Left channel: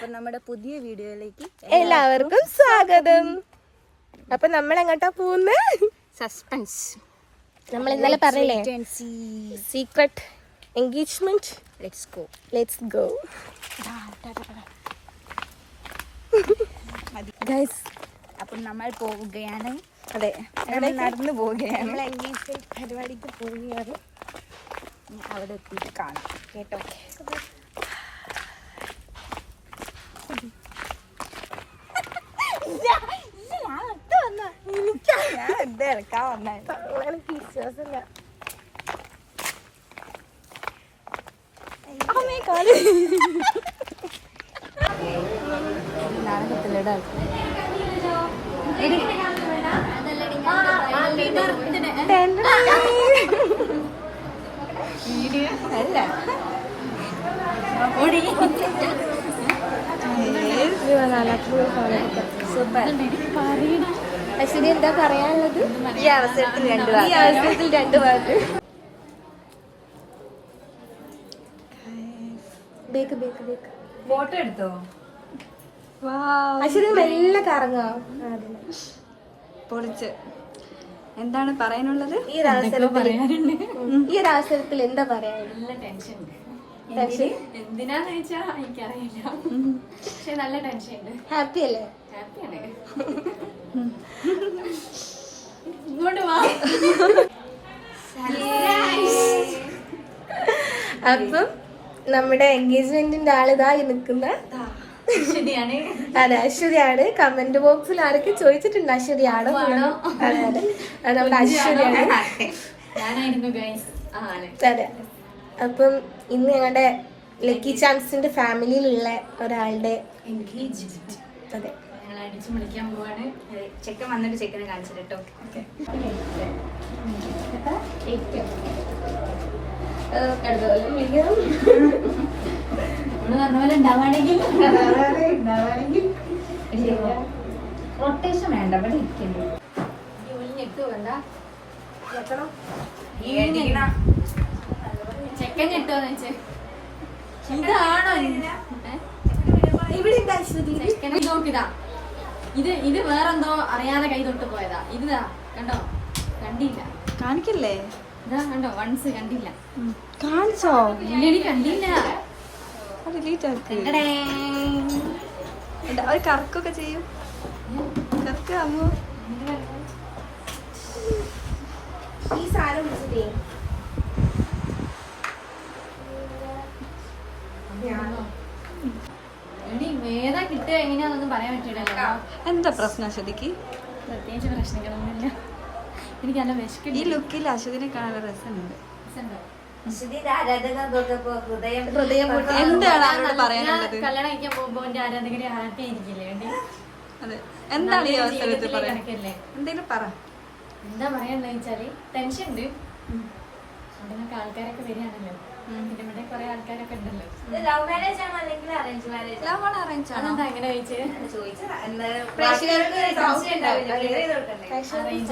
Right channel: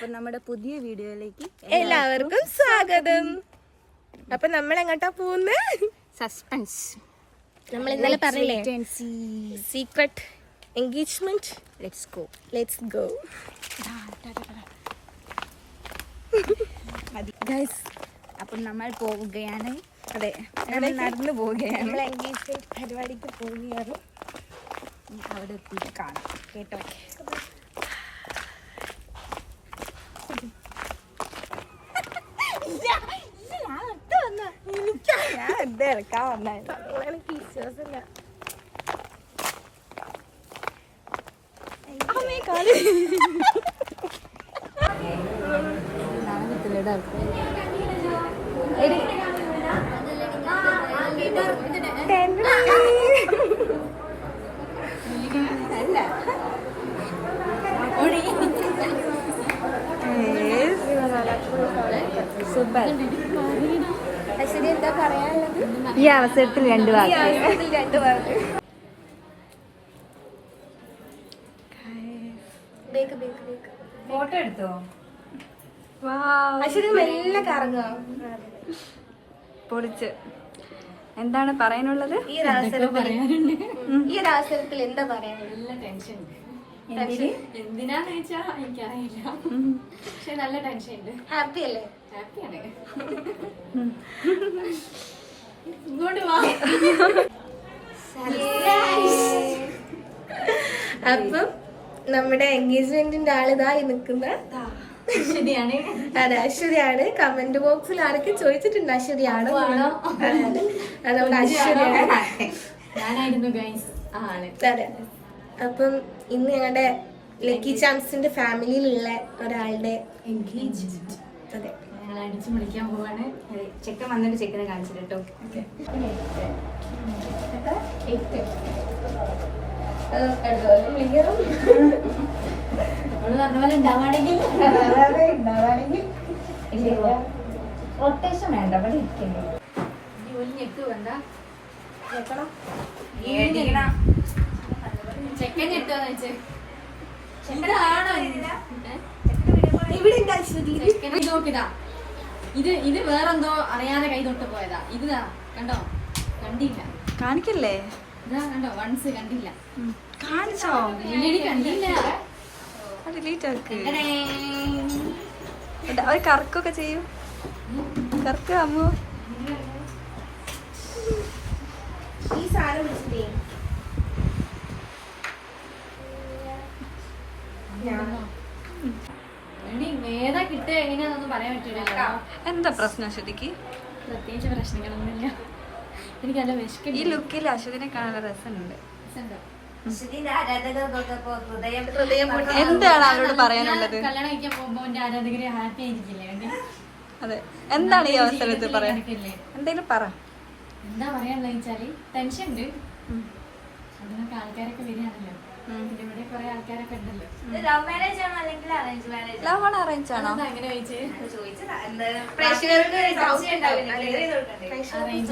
അപ്പൊ നമ്മുടെ പുതിയ വീഡിയോയിലേക്ക് എല്ലാവർക്കും സ്വാഗതം. അപ്പൊ നമ്മൾ എങ്ങോട്ടാ പോകുന്നത്? സസ്പെൻസ്. നമ്മൾ ഇന്നലെ പറഞ്ഞില്ലേ secret engagement. Let's go guys. അപ്പൊ നമ്മൾ പോവുകയാണ്. അതെ, നടന്നു പോവുകയാണ്. നമ്മൾ എൻഗേജ്മെന്റ് പരിപാടിക്ക് പോവുകയാണ്. അവിടെ എത്തിയിട്ട് കാണാം കേട്ടോ. ഞാൻ എന്താ ഇറക്കാൻ വന്നത്? എനിക്ക് വിശ്വാസമില്ല. അല്ല സൂപ്പർ. ഈ അവസരത്തിൽ ഫോട്ടോ എടുത്തോ? പൊളിച്ച്. എന്താണ് പറയാനുള്ളത്? ഈ അവസരത്തിൽ എന്താ പറയാ? നല്ല ടെൻഷൻ ഉണ്ട്. എന്തിനാന്ന് ചോദിച്ചാ എനിക്കറിയില്ല, പക്ഷെ നല്ല ടെൻഷൻ ഉണ്ട്. ഹാപ്പി അല്ലേ? ഹാപ്പിയാണ്. ഇങ്ങോട്ട് വാ. അപ്പം നമ്മുടെ എൻഗേജ്മെന്റിന്റെ ആളിതായി നിൽക്കുന്ന അശ്വതിയാണ്. അതെ, അശ്വതിയാണ്. കമന്റ് ബോക്സിൽ ആരൊക്കെ ചോദിച്ചിട്ടുണ്ട് അശ്വതിയാണോ? അത് നമ്മുടെ അശ്വതിയാണ്. ഞാനായിരുന്നു ഗൈസ്. അതെ. അപ്പം ഇന്ന് ഞങ്ങളുടെ ലക്കി ചാംസിന്റെ ഫാമിലിയിലുള്ള ഒരാളുടെ എൻഗേജ്മെന്റ്. അതെ, ഞങ്ങൾ അടിച്ചു വിളിക്കാൻ പോവാണ്. ചെക്കൻ വന്നിട്ട് ചെക്കനെ കാണിച്ചു കേട്ടോ. റൊട്ടേഷൻ വേണ്ട, ഇവിടെ ഇരിക്കുന്നു. ചെക്കൻ ഞെട്ടുവോ വെച്ചേ? എന്താണോ ഇവിടെ നോക്കിതാ. ഇത് വേറെന്തോ അറിയാതെ കൈ തൊട്ട് പോയതാ. ഇതാ കണ്ടോ? കണ്ടില്ല. കാണിക്കല്ലേ? ഇതാ കണ്ടോ? വൺസ് കണ്ടില്ല. കാണിച്ചോ? ഇല്ലടി, കണ്ടില്ല. കറക്കൊക്കെ ചെയ്യൂ. കറക്ക് അമ്മു. ഈ സാധനം വിളിച്ചിട്ടേ ഏതാ കിട്ടുക എങ്ങനെയാന്നൊന്നും പറയാൻ പറ്റൂലല്ലോ. എന്താ പ്രശ്നം അശ്വതിക്ക്? പ്രത്യേകിച്ച് പ്രശ്നങ്ങളൊന്നുമില്ല. എനിക്ക് നല്ല വിശക്കും. ഈ ലുക്കിൽ അശ്വതിനെ കാണാൻ രസമുണ്ട്. എന്താണ് അവരോട് പറയാനുള്ളത്? കല്യാണം കഴിക്കാൻ പോകുമ്പോ എന്റെ ആരാധകരെ ഹാപ്പി ആയിരിക്കില്ലേ? അതെ. എന്താണ് ഈ അവസരത്തിൽ പറയാൻ? എന്തെങ്കിലും പറ. എന്താ പറയാനുള്ളത് വെച്ചാല് ടെൻഷൻ ഉണ്ട്. അവിടെ ആൾക്കാരൊക്കെ വരികയാണല്ലോ. പിന്നെ ഇവിടെ കുറെ ആൾക്കാരൊക്കെ ഉണ്ടല്ലോ. ലവ് മാരേജ് ആണോ അല്ലെങ്കിൽ അറേഞ്ച് മാരേജ്? ലവ് ആണോ അറേഞ്ച് ആണോ? അങ്ങനെ അറേഞ്ച്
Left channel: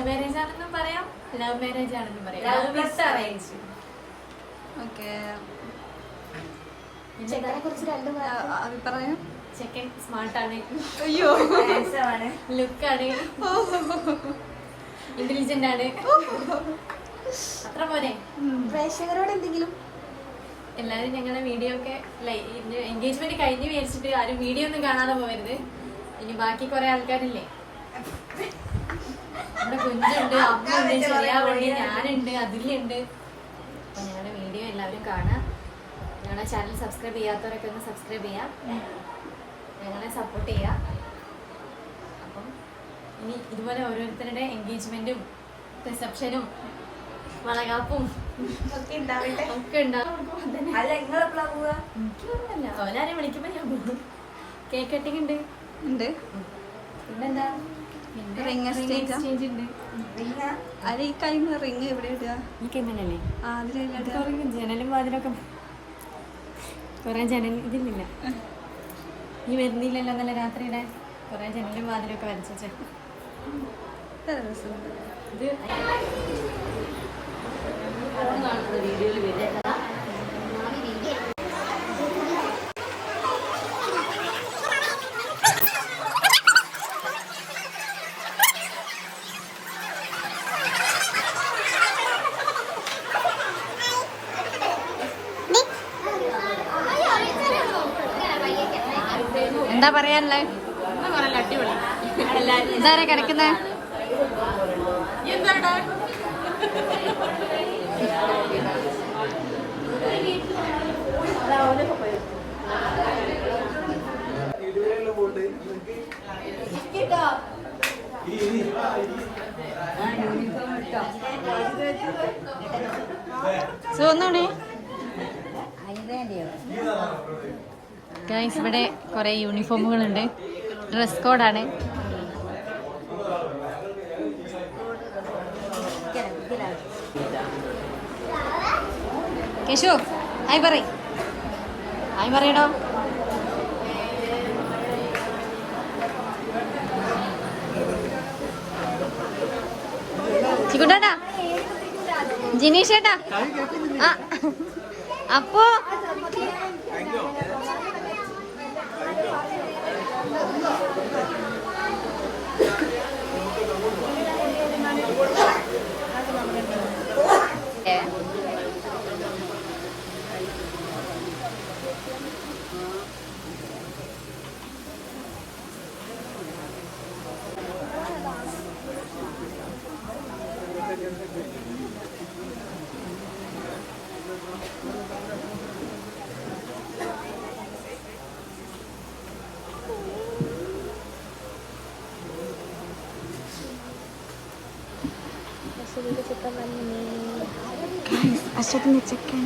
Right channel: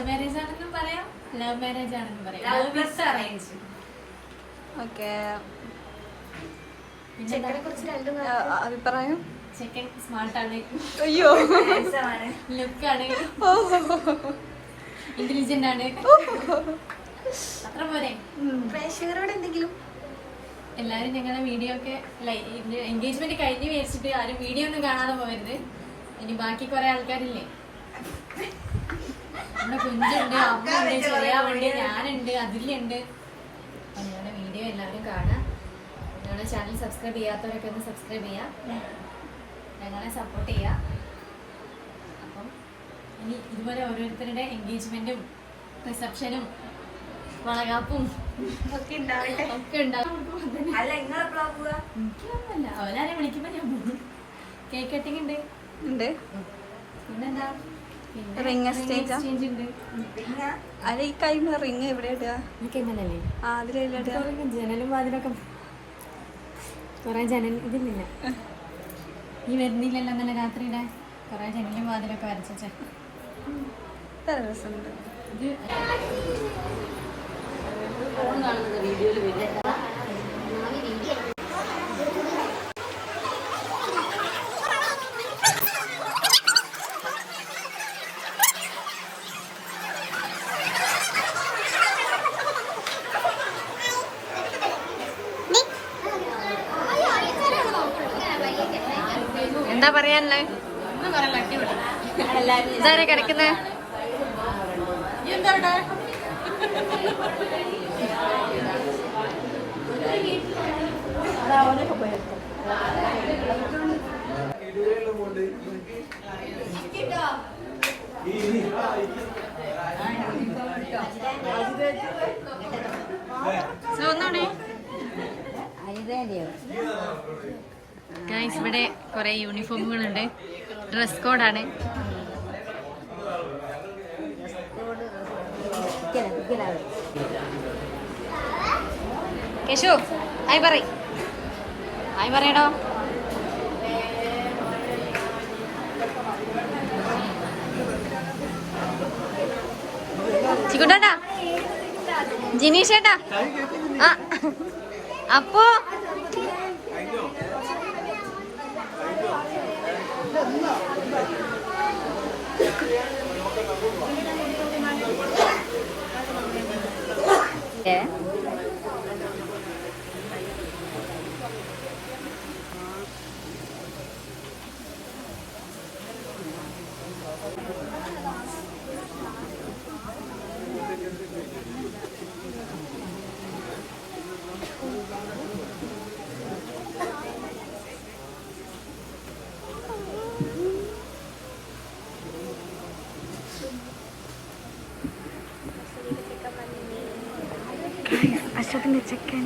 മാരേജ് ആണെന്നും പറയാം, ലവ് മാരേജ് ആണെന്നും പറയാം. ഓക്കെ. അഭിപ്രായം? ചെക്കൻ സ്മാർട്ടാണ്. അയ്യോ, ലുക്കാണ്, ഇന്റലിജന്റ് ആണ്. അത്ര പോരെ? പ്രേക്ഷകരോട് എന്തെങ്കിലും? എല്ലാവരും ഞങ്ങളുടെ വീഡിയോ ഒക്കെ എൻഗേജ്മെന്റ് കഴിഞ്ഞ് വിചാരിച്ചിട്ട് ആരും വീഡിയോ ഒന്നും കാണാതെ പോകരുത്. ഇനി ബാക്കി കുറെ ആൾക്കാരില്ലേ, നമ്മുടെ കുഞ്ഞുണ്ട്, അമ്മയുണ്ട്, ചെറിയാവുണ്ട്, ഞാനുണ്ട്, അതിലുണ്ട്. അപ്പൊ ഞങ്ങളുടെ വീഡിയോ എല്ലാവരും കാണാം. ഞങ്ങളുടെ ചാനൽ സബ്സ്ക്രൈബ് ചെയ്യാത്തവരൊക്കെ ഒന്ന് സബ്സ്ക്രൈബ് ചെയ്യാം, ഞങ്ങളെ സപ്പോർട്ട് ചെയ്യാം. അപ്പം ഇനി ഇതുപോലെ ഓരോരുത്തരുടെ എൻഗേജ്മെന്റും റിസപ്ഷനും വളകാപ്പും ഒക്കെ ഉണ്ടാവും. എനിക്കൊന്നുമല്ല, അവരാരെ വിളിക്കുമ്പോ ഞാൻ പോകും. കേക്ക് കട്ടിങ് ഉണ്ട്. പിന്നെന്താ? റിംഗ് എക്സ്ചേഞ്ച് ഉണ്ട്. അല്ല, ഈ കൈമ റിംഗ് എവിടെ ഇടുക? ഈ കൈമല്ലേ? ജനലും വാതിലൊക്കെ കൊറേ ജനൽ ഇതില്ല. ഈ വരുന്നില്ലല്ലോ നല്ല രാത്രിയുടെ കൊറേ ജനലും വാതിലൊക്കെ വരച്ച രസമുണ്ട്. ഇത് കാണുന്നത് വീഡിയോയിൽ വരിക. എന്താ പറയാനുള്ളത്? ഇതാരെ കിടക്കുന്നേ? ഗൈസ്, ഇവിടെ കുറെ യൂണിഫോമുകളുണ്ട്. ഡ്രസ് കോഡാണ്. കേശു ഹായ് പറയടോ. ചിക്കുട്ടാ, ജിനീഷേട്ടാ, അപ്പോ അശ്വതിന്റെ ചെക്കൻ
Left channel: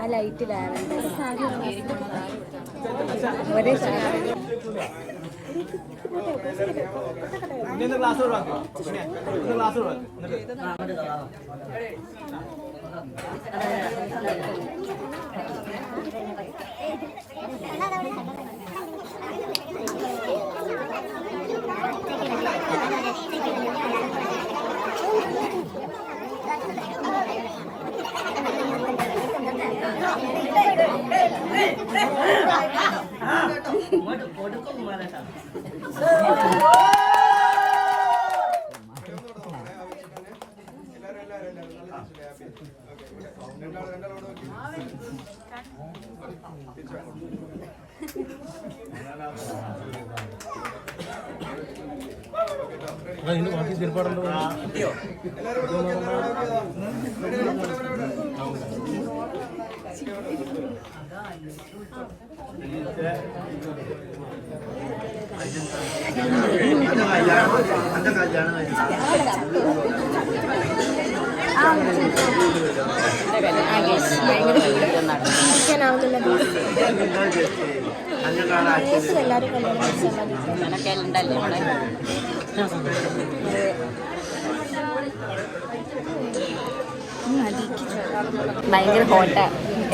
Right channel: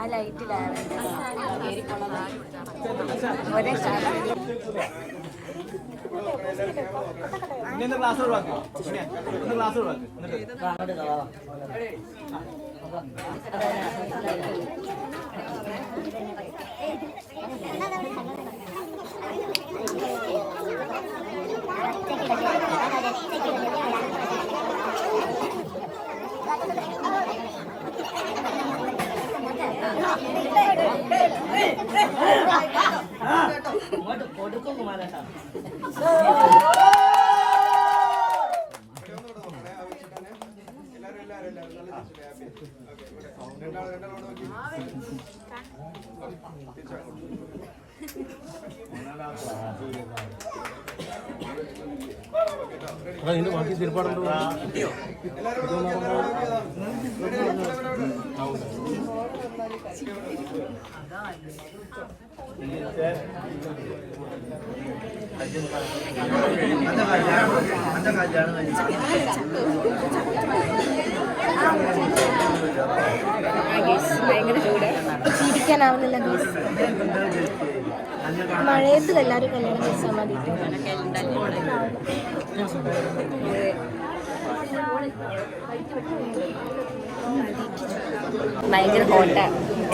ആ ലൈറ്റിലാണ് ക്ലാസ് ഒഴിവാക്കി ക്ലാസ് ഒഴിവാക്കി ബാക്കി തീർപ്പാടുണ്ടോ? ഇരിക്കാനാവുന്നില്ല. മഴയത്തിൽ എല്ലാവരും കല്യാണം കഴിച്ചാൽ മതി. ഭയങ്കര ഹോട്ടാ,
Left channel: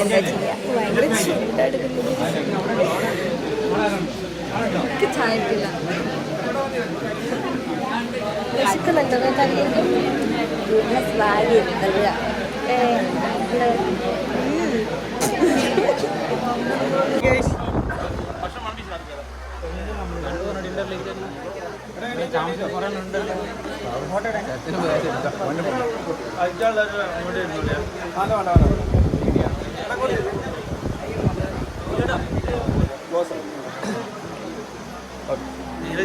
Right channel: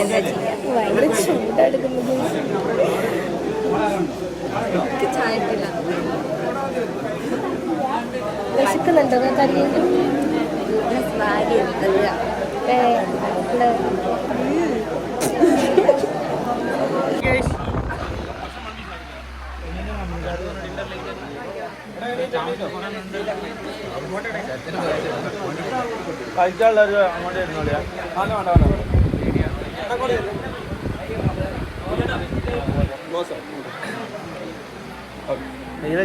എന്താ ചെയ്യാ? ഭയങ്കര ചൂടായിരിക്കുന്നത്. ചായപ്പില്ല വിശക്കുന്നുണ്ടോ? കറിയൊക്കെ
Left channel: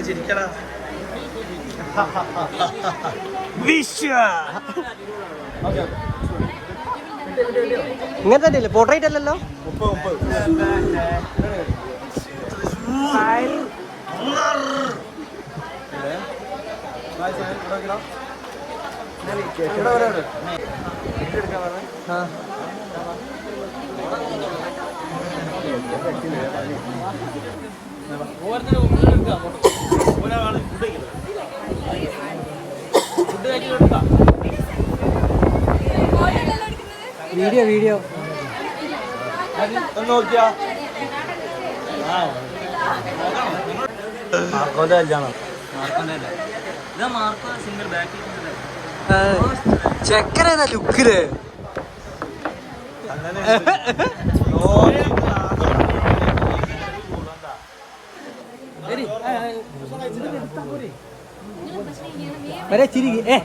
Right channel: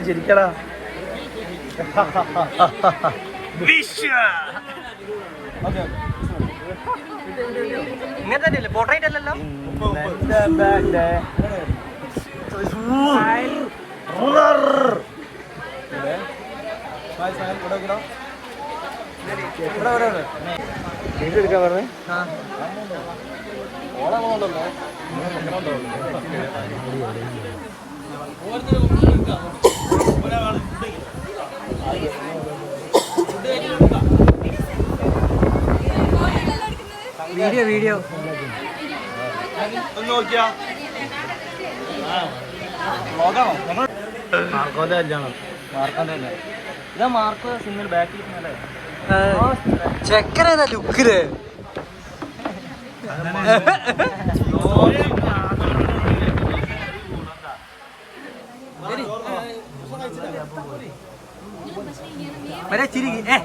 ചിരിക്കടാ വിശ്വ ഇങ്ങനത്തെ അല്ലേ പോർട്രേറ്റ് അല്ലല്ലോ വീഡിയോ വീഡിയോ നോക്കിയാ മാർക്കോന്റെ കല്യാണം ഇതാ മാർക്കോ സിംഗിൾ ബാക്കിൽ ചെക്കനേതാ ലുക്കില് വരെ ചിരിക്ക്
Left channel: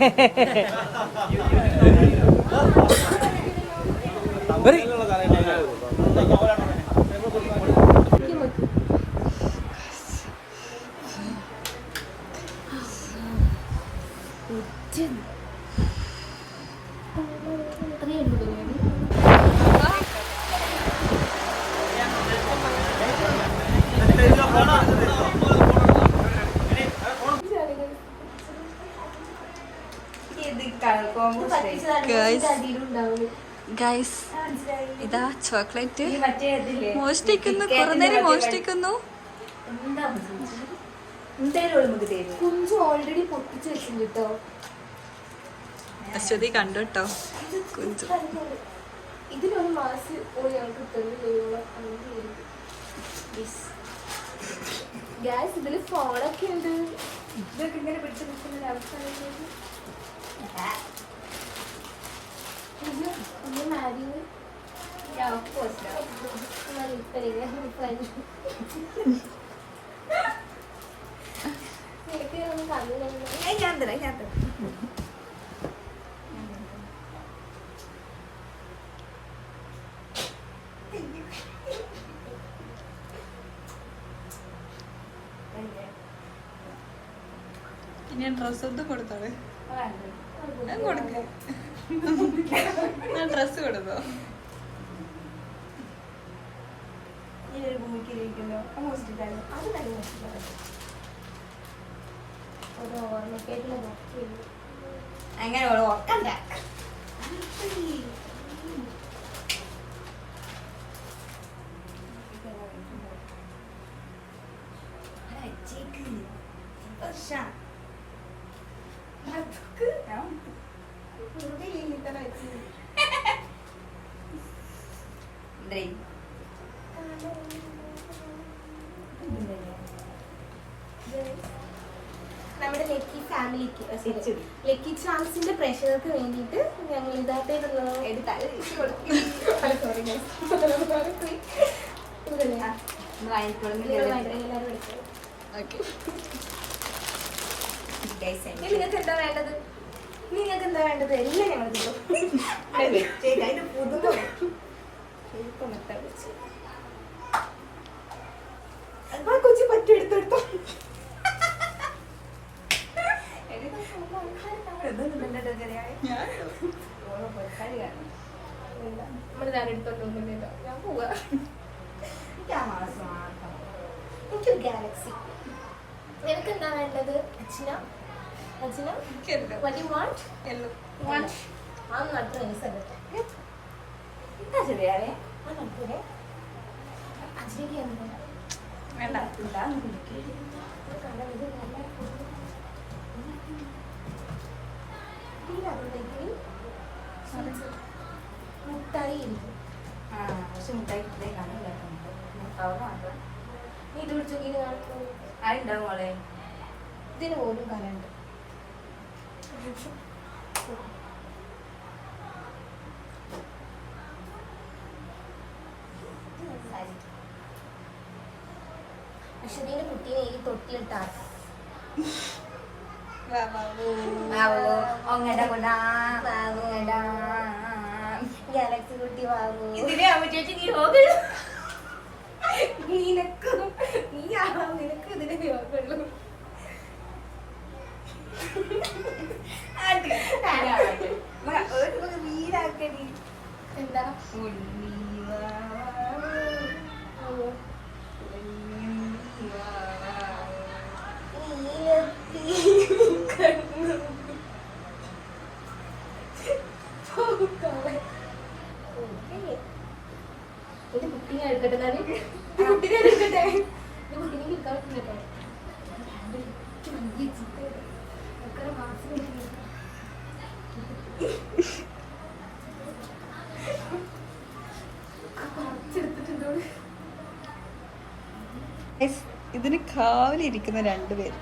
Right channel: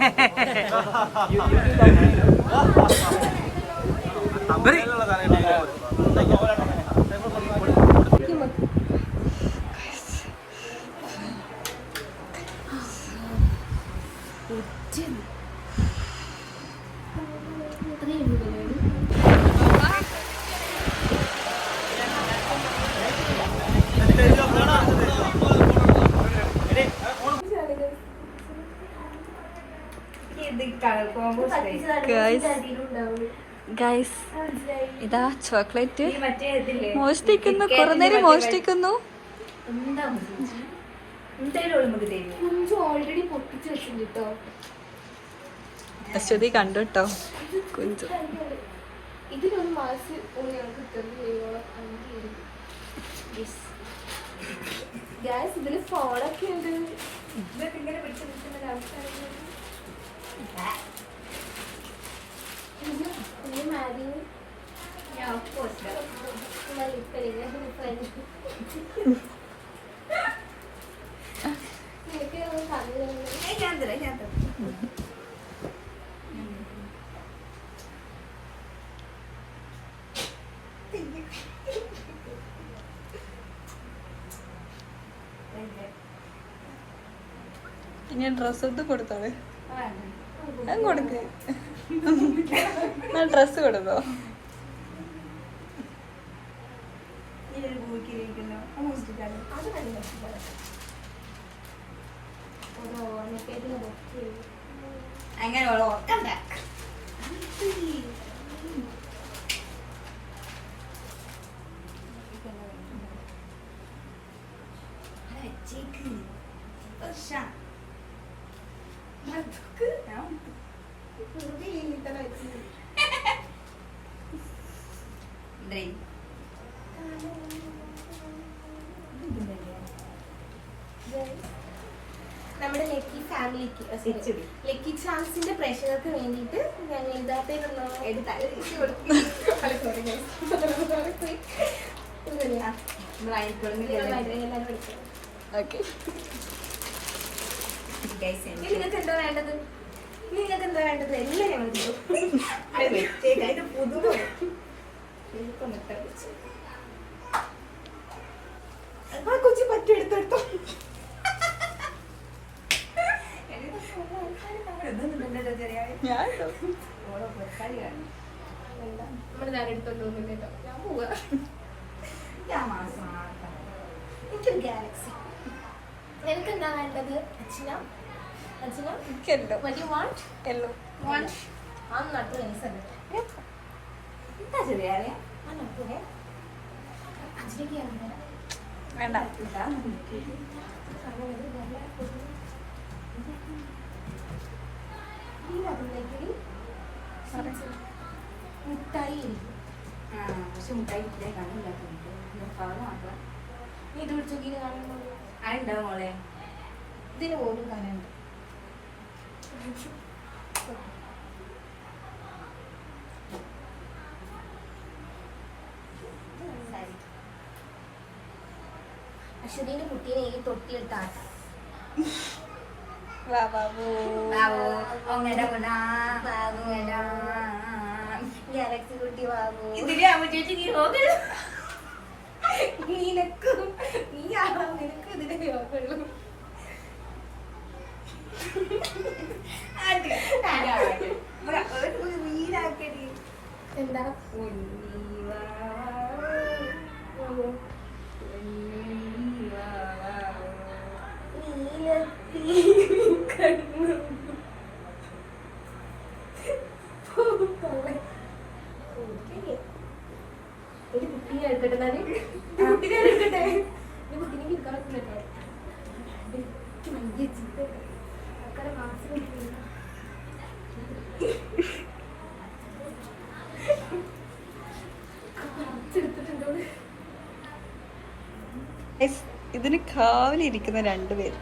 ഗൈസ് ഇതാ ചോക്ലേറ്റ് മോഷ്ടിക്കുന്നു, കുറെ നേരം മോഷ്ടിക്കുന്നു. കുഞ്ചു ഓൾറെഡി പൊട്ടിച്ച് വെച്ചിട്ടുണ്ട് കേട്ടോ. അശ്വതി കണ്ടു കേട്ടോ കുഞ്ചു. ഇതിലൊരു മാസ് ഗ്യാസ് ഇതില് ഫോണൊക്കെ ഉണ്ട്. ഇതൊക്കെ ഇങ്ങനെ പിടിച്ചു പിടിക്കുന്ന ഇനി ഡ്രസ് എടുത്ത് കൊടുത്തോളെ, കൊടുക്ക ഡ്രസ് കൊടുത്തോ. അങ്ങനെ ഓർക്കണ്ട. നമ്മുടെ ലക്കി ഫാമിലിക്ക് ലക്കി ചാൻസിന്റെ പ്രേക്ഷകർക്ക് വേണ്ടിയിട്ട് ഞങ്ങൾ ഇതായിട്ടുള്ള നിങ്ങൾക്ക് എന്താ വേണ്ടത്? നിങ്ങൾക്ക് എന്താ വേണ്ടത്? എല്ലാം ഞങ്ങൾ കൊച്ചു പറ്റും എടുത്തെടുത്തോ. ഞാൻ പോവാ. എനിക്കൊരു ഗാലക്സി. നിനക്ക് എന്താ വേണ്ടത് അച്ഛന? അച്ഛന what you want? യെല്ലോ ആ നടത്തു നൈസല്ലേ. എന്താ ശരിയാവേ അച്ഛനൊക്കെ വേണ്ട. മുട്ടായി ഇരിക്കും. പക്ഷെ മുട്ടായി കാണില്ല. നീ ഇത് പിടിച്ചോക്കിന് കാണുമ്പോൾ ആയിട്ടുണ്ടാവും മോളെ. ഇതിന് പോലും കാണാനുണ്ട്. അശ്വതിന്റെ കുട്ടീനെ ഈ തൊട്ടിലിട്ടാട്ട ബാബു ഒങ്ങടെ കൊണ്ടാ ഗാലക്സി കുട്ടി ബാബു നിനക്ക് നിനക്ക് ഇതിന്റെ യോഗമുള്ളൂ. എന്താ ഒരു കുട്ടിനെ എടുക്കട്ടെ ഞാൻ കുട്ടിനെ എടുക്കട്ടെ കുട്ടിനെ കിട്ടാറുണ്ടല്ലേ ഇതിന് കാവലിരിക്കുന്ന രണ്ടുപേര്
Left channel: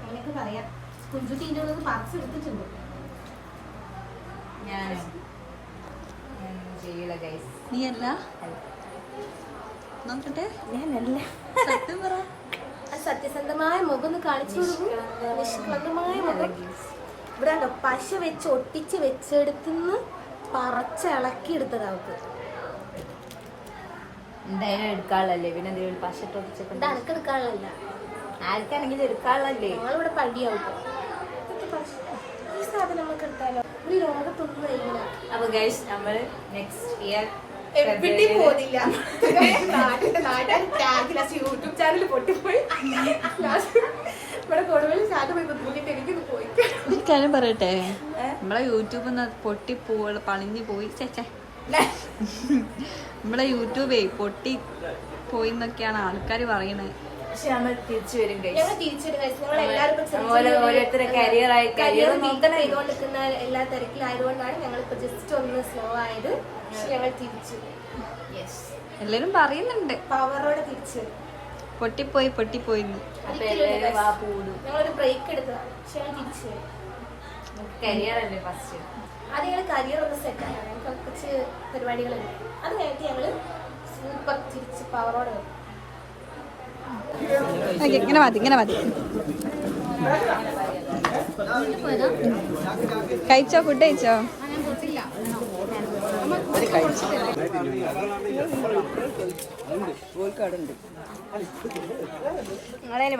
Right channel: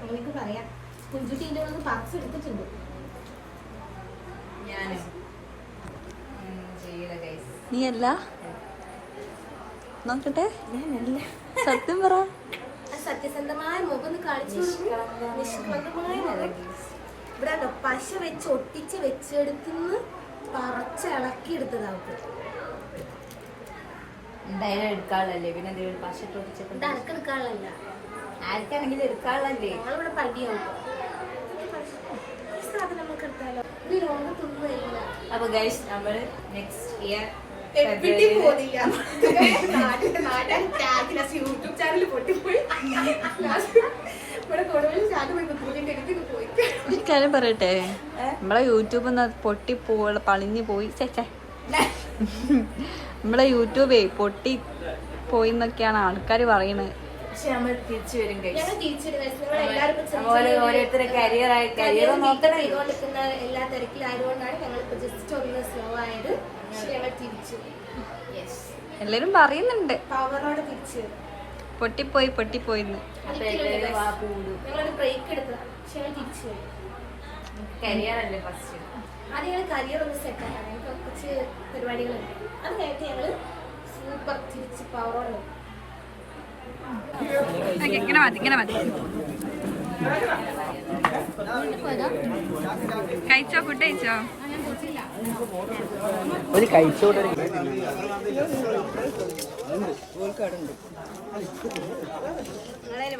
അങ്ങനെയൊക്കെ പറയാം. കുഞ്ചുട്ടീൻ്റെ പാർട്സ് എടുത്തിട്ടുണ്ട്. ഞാനോ ചെയ്യൂല ഗൈസ്. നീ അല്ല നോക്കട്ടെ, ഞാനല്ല. സത്യം പറ. സത്യസന്ധമായ മുഖം ഒന്ന് കാണിച്ചു ഇവിടെ പശ വെച്ച് ഒട്ടിച്ച് വെച്ചെടുത്തുനിന്ന് പറച്ചിളക്കി എടുത്തതാവും. എന്തായാലും എടുക്കാനുള്ളല്ലേ, പിന്നെ എന്തെങ്കിലും പശട്ട് ഒടിച്ചൊക്കെ അനക്ക് എടുക്കാനുള്ളതല്ല, ആർക്കാണെങ്കിലും എടുക്കാനുള്ളല്ലേ. ഞങ്ങളിവിടെ പണ്ടിയാവും. ഈ സാധനം നമുക്ക് എടുത്താലോ? ഈ ലോകത്തൊന്നും കഴിയില്ല. അപ്പൊ ഗൈസ് നമ്മള് നെക്സ്റ്റ് ഇയർ എവിടെയും പോകുന്നില്ല. യൂട്യൂബ് ചാനൽ പൊട്ടിപ്പോയി. ഇവിടെ കൊടുവള്ളി സാധനം എനിക്ക് പോയി. ഒരു കാര്യം പറയട്ടെ, നമ്മളെ യൂട്യൂബ് പളിഞ്ഞു പോയി. നമ്മളെ യൂട്യൂബേ പൊട്ടി പോയി എന്നൊക്കെയാണ് ആൾക്കാർ പറയുന്നത്. പക്ഷെ നമ്മൾ തിരിച്ചു വരും ഗൈസ്. ഞങ്ങൾ തിരിച്ചു ഓരോരുത്തരെ കരിയർ നോക്കണം. ചെയ്തുകൊണ്ടിരിക്കുന്ന എല്ലാ തിരക്കിലായതുകൊണ്ടാണ് ഞങ്ങൾ ഇപ്പൊ ജസ്റ്റ് ഒന്ന് സ്ലോ ആയത്. ഞങ്ങൾ തിരിച്ചു എല്ലാരും പറയുന്നുണ്ട് പവറോടെ തിരിച്ചു പൊട്ടിപ്പോയിന്ന്. അപ്പൊ എല്ലാവരും വാ കൂടും. ഞങ്ങളൊരു ബ്രേക്ക് എടുക്കുക, പക്ഷെ ഞങ്ങൾ തിരിച്ചു വരും. കരിയർ അല്ലേ ഫസ്റ്റ്. അത് ഞങ്ങൾ കരിയർ ഒന്ന് സെറ്റ് ആക്കാം. ഞങ്ങൾക്ക് കുറച്ച് പരിപാടികളുണ്ട്. അത് കഴിഞ്ഞിട്ട് ഞങ്ങൾ സൂപ്പർ തിരിച്ച് പവറോടെ വരും. ഇങ്ങനെ മതി. കഴിച്ചോ? ഫുഡ് കഴിച്ചോ?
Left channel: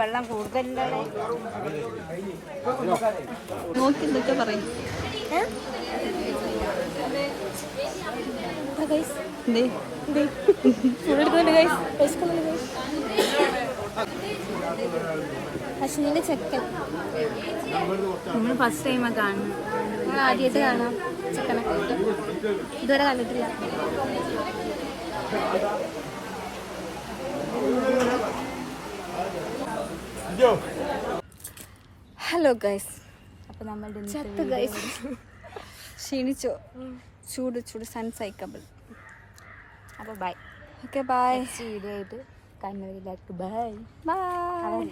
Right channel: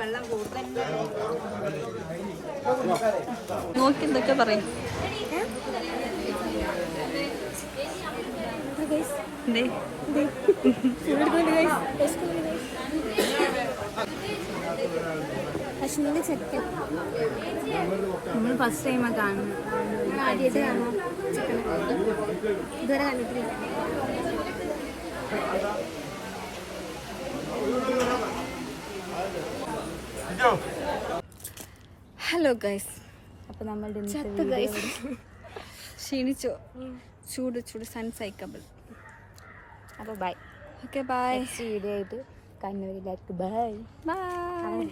വെള്ളം കൂടുതൽ നോക്കി എന്തൊക്കെ പറയും. അശ്വിനിന്റെ ചെക്കൻ നമ്മൾ ഫസ്റ്റ് ടൈമാ കാണുന്നത്. ഞങ്ങൾ ആദ്യമായിട്ട് കാണാം ചിക്കനൊക്കെ. ഇതുവരെ കണ്ടിട്ടില്ല. ഹലോ ഗൈസ്, അപ്പൊ നമ്മൾ ക്ഷീണിച്ചോ? ചൂട് സൺസൈക്കബിൾ. അപ്പൊ ബൈ. Okay bye. വീഡിയോ ആയിട്ട് കണ്ണൂരിലേക്ക് ബൈ. ബൈ.